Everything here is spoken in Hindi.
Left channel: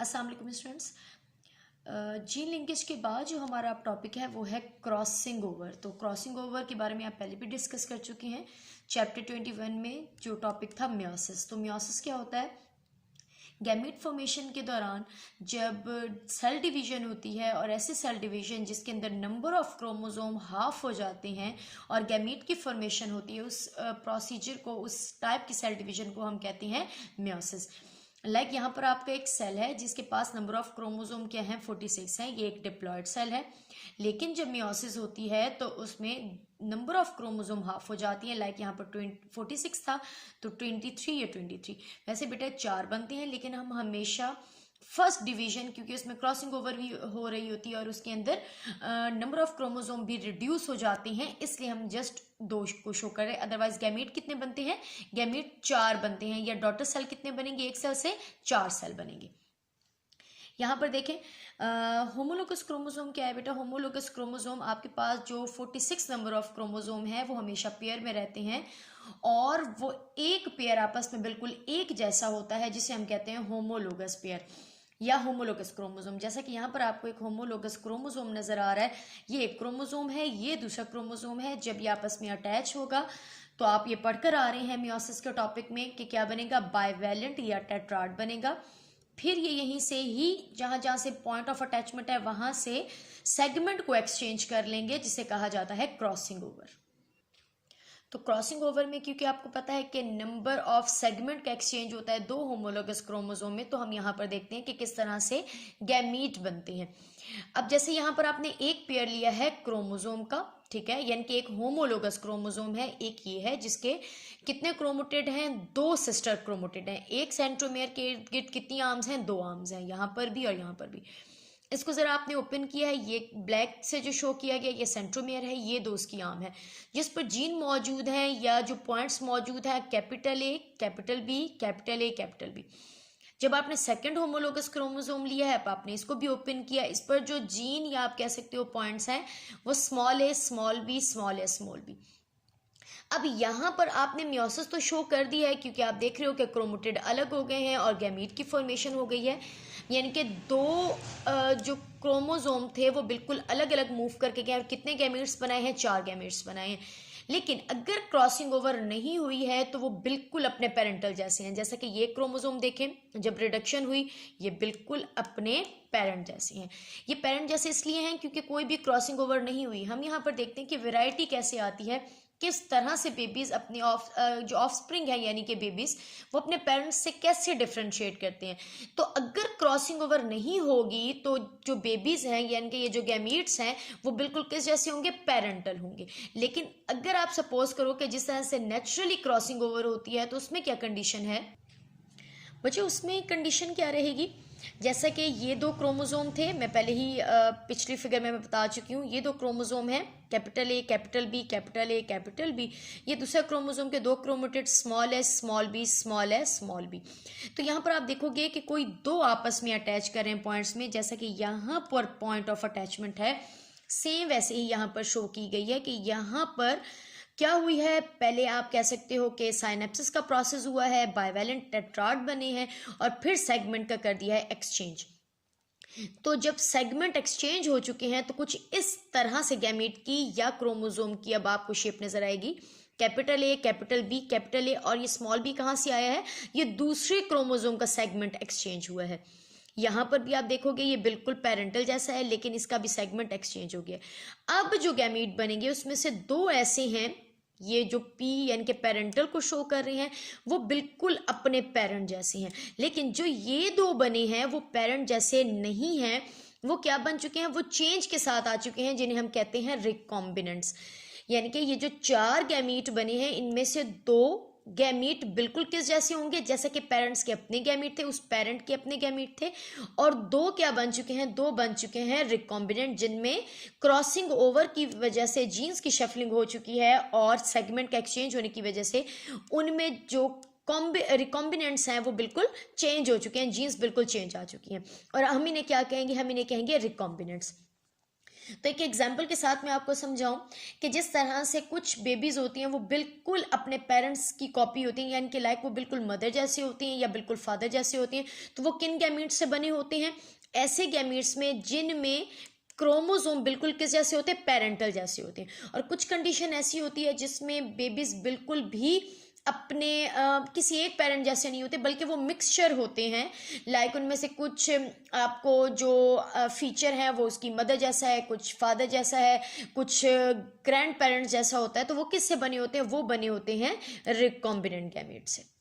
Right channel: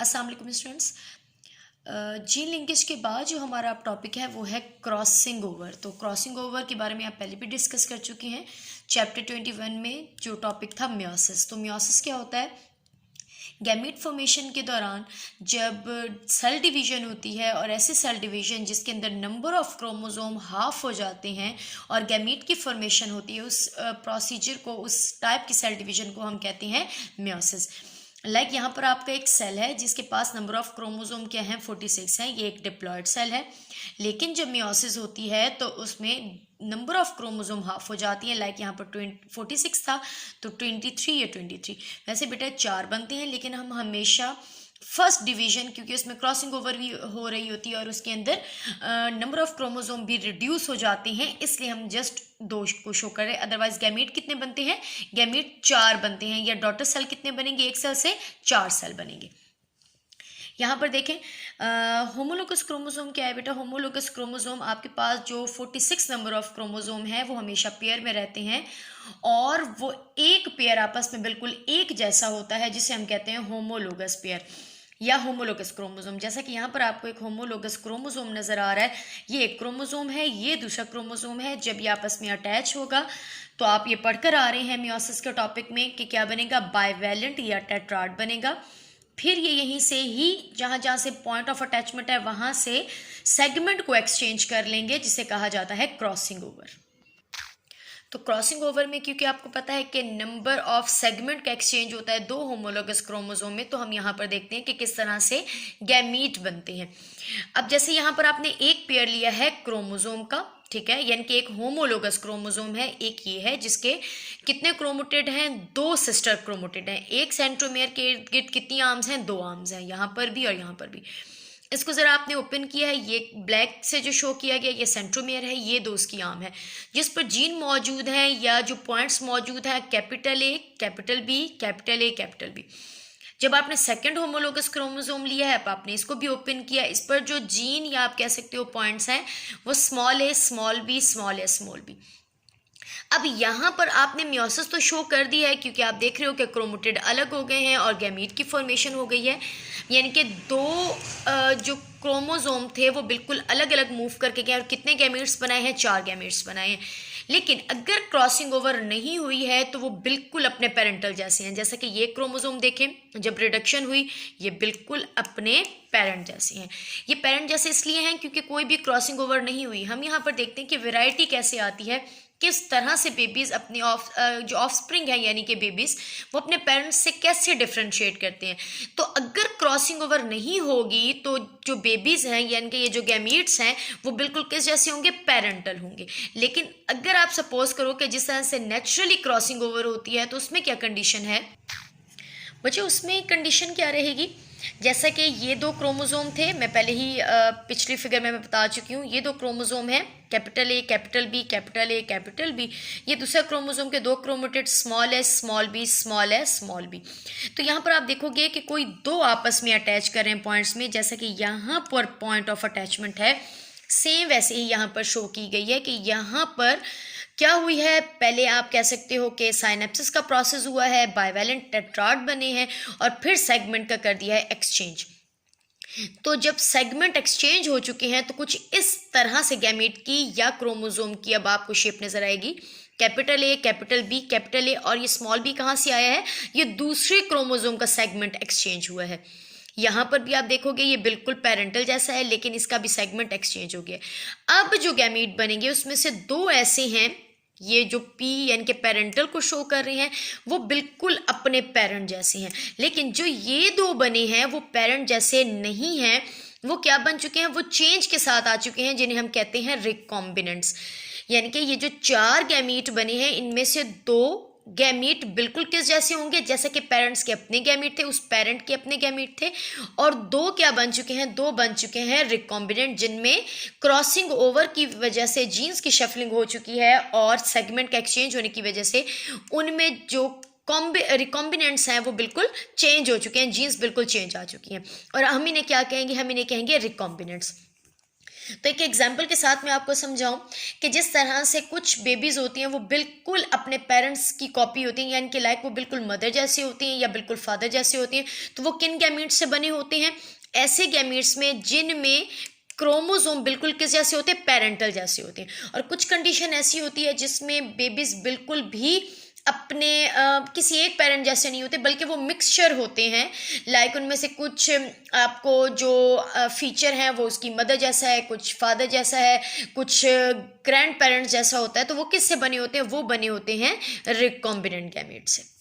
अस्सलाम वालेकुम स्टूडेंट्स। जीन लिंकेज के बाद जो हमारा टॉपिक है वो है क्रॉसिंग ओवर। तो क्रॉसिंग ओवर के बारे में आप पहले भी डिस्कस कर चुके हैं चैप्टर 21 में, जो टॉपिक था मियोसिस। तो मियोसिस क्या होता है? गैमीट फॉर्मेशन के दौरान जब सेल डिवीजन होती है और ऐसे सेल डिवीजन जिसके अंदर नंबर ऑफ क्रोमोसोम हाफ हो जाते हैं और गैमीट की फॉर्मेशन होती है, उस प्रोसीजर को, उस टाइप की सेल डिवीजन को हम कहते हैं मियोसिस। लाइक यहाँ पर आपका एक सेल है जिसके पास नंबर ऑफ क्रोमोसोम क्या है, 46 है। ये एक डिप्लॉयड सेल है। लेकिन जब मियोसिस होती है तो उसमें नंबर ऑफ क्रोमोसोम हाफ हो जाती है। लाइक यहाँ पर 46 था तो 23 या 23। वैसे बेटा 4 बनते हैं, लेकिन हम हमेशा फर्स्ट डिवीजन, क्योंकि उसमें क्रॉसिंग ओवर भी हो रही होती है और उसके अंदर नंबर ऑफ क्रोमोसोम भी रिड्यूस हो जाते हैं, इसलिए हम जस्ट 2 को शो कर रहे हैं। अदरवाइज गैमीट कितने बनते हैं? गैमीट 4 बनते हैं। या डॉटर सेल कितने बनेंगे? एक सेल से 4 सेल बनेंगे। यहाँ पर देखें, होमोलोगस क्रोमोसोम क्या है बेटा? होमोलोगस क्रोमोसोम आपके पास जो 46 नंबर ऑफ क्रोमोसोम है वो हमेशा पेयर में रहते हैं और वो एक पेयर आपस में बिल्कुल एक जैसा होता है, जिसे हम कहते हैं होमोलोगस पेयर या होमोलोगस क्रोमोसोम। जैसा कि यहाँ पर आपको एक होमोलोगस क्रोमोसोम नजर आ रहा है, ये एक क्रोमोसोम है, ये दूसरा क्रोमोसोम है। जब ये आपस में अटैच होगा तो आप ये पढ़कर आ रहे हैं मियोसिस के टॉपिक में कि क्या बनेगा? बाइवैलेंट या टेट्राड बनेगा। फिर ये यहीं से ही जहाँ जहाँ से पॉइंट ऑफ अटैचमेंट है वहाँ से सेगमेंट को एक्सचेंज कर लेंगे, जिसे कहा जाता है क्रॉसिंग ओवर। तो क्रॉसिंग ओवर में क्योंकि आपको पता है कि नंबर ऑफ सेगमेंट का एक्सचेंज होता है 2 होमोलोगस क्रोमोसोम में, तो हम यहाँ पर देखते हैं कि किस तरह से गैमीट बनते हैं। अब जैसे यहाँ पर आपने एक पेयर लिया है क्रोमोसोम का, ठीक है, यानी कि एक होमोलोगस क्रोमोसोम है, एक ये है जिसके कितने क्रोमोटिड हैं? 2 सिस्टर क्रोमोटिड हैं। एक सेंट्रोमेयर के इर्द गिर्द कितनी आर्म्स हैं? 2 आर्म्स हैं, यहाँ पर भी और यहाँ पर भी। इसको जरा आपने ओपन किया है, ये ब्लैक से जो शो किया गया ये सेंट्रोमेयर है, ये 2 उसकी आर्म है जिस पर जीन मौजूद है या जो पॉइंट्स मौजूद है, capital A, capital B, capital A, capital B. जब आपने सेकंड होमोलोगस क्रोमोसोम लिया है, आपने इसको भी ओपन किया, इस पर जो जीन या आप कह सकते हो पॉइंट्स हैं वो small A, small B, small A, small B. अब यहाँ पर आपने मियोसिस तो शो कर दिया है, क्योंकि आप देख रहे हो कि क्रोमोटिड अलग हो गए हैं और गैमीट की फॉर्मेशन हो गई है, यानी कि 2 जो क्रोमोसोम थे वो बिल्कुल अलग अलग मूव करके गए। और कितने गैमीट्स बनाए हैं? 4 गैमीट्स बनाए हैं। लेकिन अगर क्रॉसिंग ओवर नहीं हुई है तो वो बिल्कुल अपने पेरेंटल जैसे हैं। जैसा कि ये क्रोमोसोम देखें, जब रिडक्शन हुई ये बिल्कुल अपने पेरेंट जैसे हैं। ये पेरेंट जैसे इसलिए हैं क्योंकि कोई भी क्रॉसिंग ओवर नहीं हुई। हम यहाँ पर देखते हैं कि वैरायटी कैसे आती है, किस तरह से बेबीज अपने जो ऑफस्प्रिंग है यानी कि बेबीज, वो अपने पेरेंट्स से कैसे डिफ्रेंशिएट करते हैं। तो अगर क्रॉसिंग ओवर नहीं होगी तो जो बेबीज हैं यानी कि ये जो गैमीट्स हैं वो बिल्कुल किस जैसे होंगे? पेरेंटल होंगे। लेकिन अगर आप सपोज करो कि जिस तरह से नेचुरली क्रॉसिंग ओवर होती है तो उसमें क्या कंडीशन है बच्चे? उसमें कंडीशन क्या रहेगी? जैसा कि ये 2 क्रोमोसोम थे, मैं पहले ही पिछली फिगर में मैं बता चुकी हूँ, ये 2 क्रोमोसोम हैं, capital A, capital B, capital A, capital B. ये दूसरा क्रोमोसोम के 2 chromatid small A, small B, small A, small B. तो यहाँ पर आप देखोगे कि कोई 2 आपस में अटैच कर रहे हैं पॉइंट्स में, जैसा कि यहाँ पर पॉइंट ऑफ अटैचमेंट है, सेम वैसे ही यहाँ पर शो की गई है कि यहाँ पर क्या हुई है? पहले आप कह सकते हो कि साइनेप्सिस का प्रोसेस हुआ है, बाइवैलेंट टेट्राड बने हैं और फिर सेगमेंट का कर दिया है एक्सचेंज। तो जब सेगमेंट एक्सचेंज हो चुके हैं तो कुछ इस तरह से गैमीट की या क्रोमोसोम की अब आपको शेप नजर आएगी। Capital A, capital B, capital A, और ये स्मॉल बी कहाँ से आया है? ये दूसरे क्रोमोसोम का सेगमेंट एक्सचेंज हुआ है। यहाँ पर भी आप देखोगे ये बिल्कुल पेरेंटल जैसा है, लेकिन इसका भी सेगमेंट एक्सचेंज हो गया। अब जो गैमीट बनेंगे उसमें से 2 ऐसे हैं, ये जो पी यानी कि पेरेंटल को शो कर रहे हैं वो बिल्कुल अपने पेरेंट जैसे हैं। लेकिन जो ये 2 बने हैं वो पेरेंट जैसे नहीं हैं, वो क्या बन चुके हैं? वो चेंज के साथ आ चुके हैं, जिन्हें हम कहते हैं रिकॉम्बिनेंट्स। यानी कि ये जो 4 गैमीट बने हैं इनमें से 2 गैमीट बिल्कुल किस जैसे होंगे? जैसे कि पेरेंट्स के अपने गैमीट थे, उस पेरेंट के अपने गैमीट थे, और 2 क्या बन चुके हैं? 2 बन चुके हैं रिकॉम्बिनेंट, जिनमें क्रॉसिंग ओवर की वजह से जीन्स की शफलिंग हो चुकी है और सेगमेंट का एक्सचेंज होने की वजह से उनमें जो रिकॉम्बिनेंट्स हैं वो बिल्कुल चेंज हो चुके हैं, जीन्स बिल्कुल चेंज आ चुकी हैं, और हम इन्हें क्या कहेंगे? हम इन्हें कहेंगे रिकॉम्बिनेंट्स। तो एक एग्जाम्पल के साथ मैं आपको समझाऊं कि जिस तरह से कुछ बेबीज़ होती हैं वो बिल्कुल अपने पेरेंट्स की कॉपी होती हैं, यानी कि लाइक वो बिल्कुल मदर जैसी होती हैं या बिल्कुल फादर जैसी होती हैं। तो वो किन गैमीट्स से बने होते हैं? ऐसे गैमीट्स में जिनमें क्रोमोसोम बिल्कुल किस जैसे होते हैं? पेरेंटल जैसे होते हैं। और कुछ कंडीशन ऐसी होती है जिसमें बेबीज बिल्कुल भी अपने किसी एक पेरेंट जैसे नहीं होते, बल्कि वो मिक्सचर होते हैं। लाइक उनमें से कुछ आपको जो फीचर है वो उसकी मदर जैसा है, कुछ फादर जैसा है, कुछ ग्रैंड पेरेंट्स जैसा होता है। तो वो किससे बने होते हैं? वो बने होते हैं रिकॉम्बिनेंट गैमेट से।